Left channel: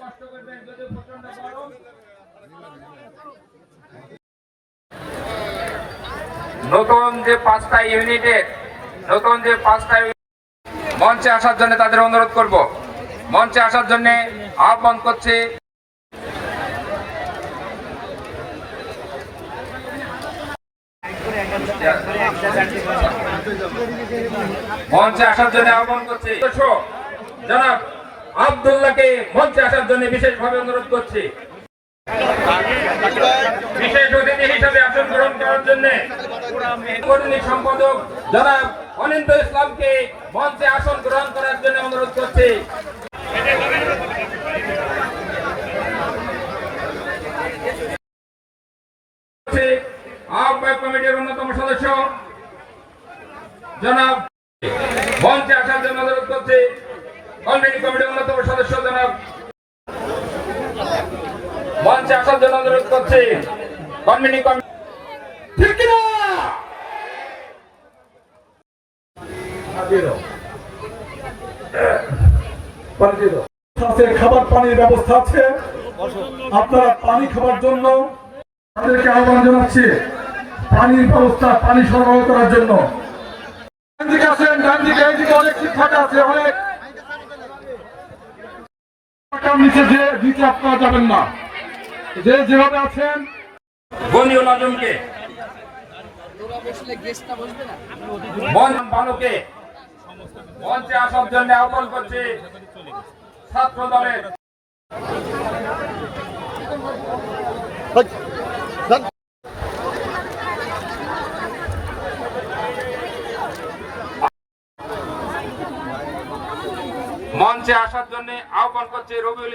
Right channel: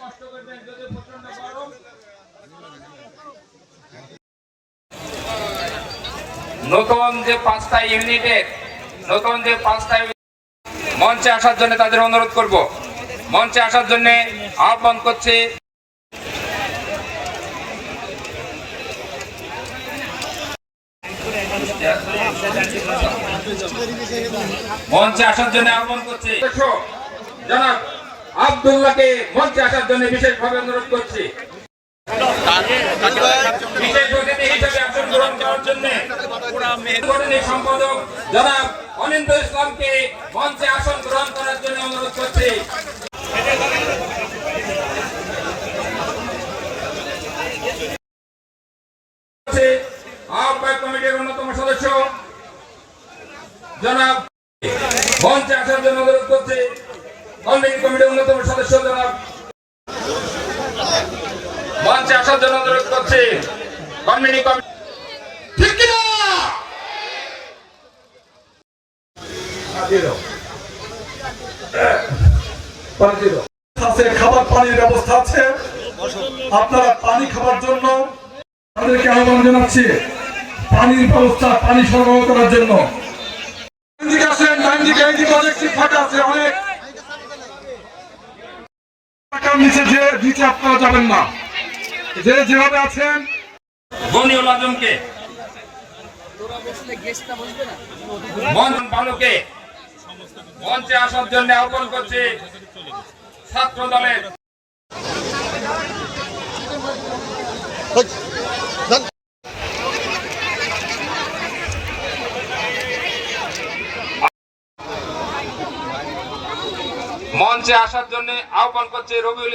কষ্ট করবেন যদি প্রচণ্ড গরম। নতুন যে পাঁচটা ইউনিটের নতুন যে পাঁচটা মঞ্চে আসার জন্য তাদের অনুরোধ করব। মঞ্চে আসার জন্য আহ্বান করছে। মঞ্চে আসার জন্য আহ্বান করছে। জনাব আব্দুল্লাহকে মঞ্চে আসার জন্য বিশেষভাবে অনুরোধ করছি। বিশেষ অতিথি হিসাবে গ্রহণ করার জন্য সম্পাদক জনাব অনিন্দ ইসলামকে মঞ্চে আসন গ্রহণ করার জন্য অনুরোধ করছি। আহ্বায়ক কমিটির অন্যতম সদস্য জনাব মঞ্চে আসার জন্য অনুরোধ করছি অন্যতম সদস্য জনাব মঞ্চে আসার জন্য অনুরোধ করছি। কমিটি খাবার পানির ব্যবস্থা আছে। আপনারা পানি খাবার জন্য তাদেরকে আহ্বান জানাচ্ছি। পানির ব্যবস্থা পানি সরবরাহ করার জন্য। নিচে আপনারা যাবেন না। যে যেভাবে আছেন গনিউল আজমকে। মন ভানুকে। মঞ্চে আসার জন্য আহ্বান করছি ছাত্র দলের। মঞ্চে আসার জন্য আহ্বান করছে রবিউল